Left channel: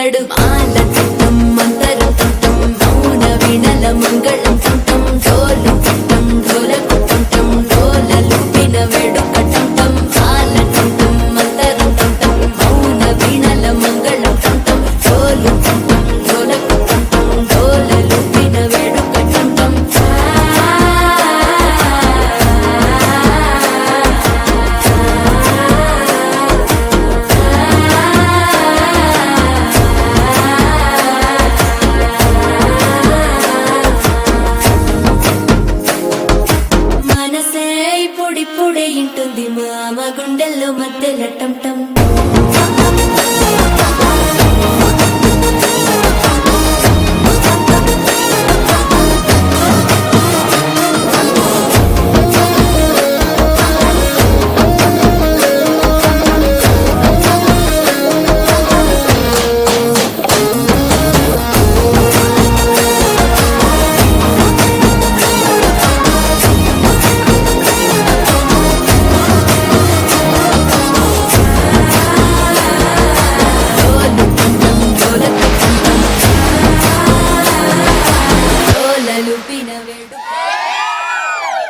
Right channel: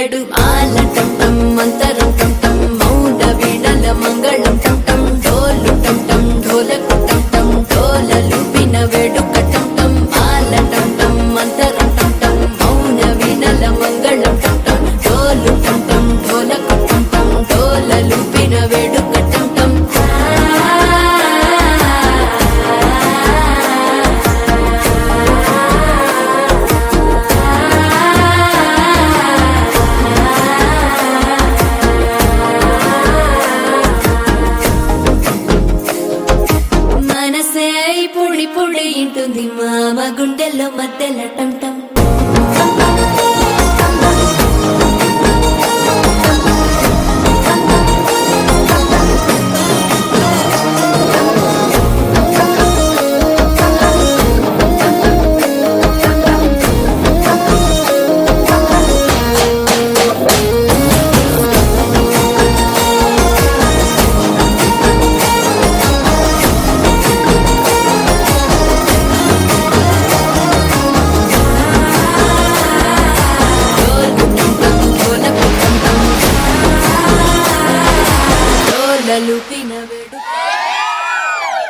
వెడుకడు మాల టం మంతర టం మౌన వీణల మంగళ టం డోలు టం ఢోల టం డోలలు విన వెడుక టం మాల టం మంతర టం మౌన వీణల మంగళ టం డోలు టం ఢోల టం డోలలు విన వెడుక టం మనసే పొడి పొడి ఇంటుంది మామ గుండెల్లో మధ్యలో టం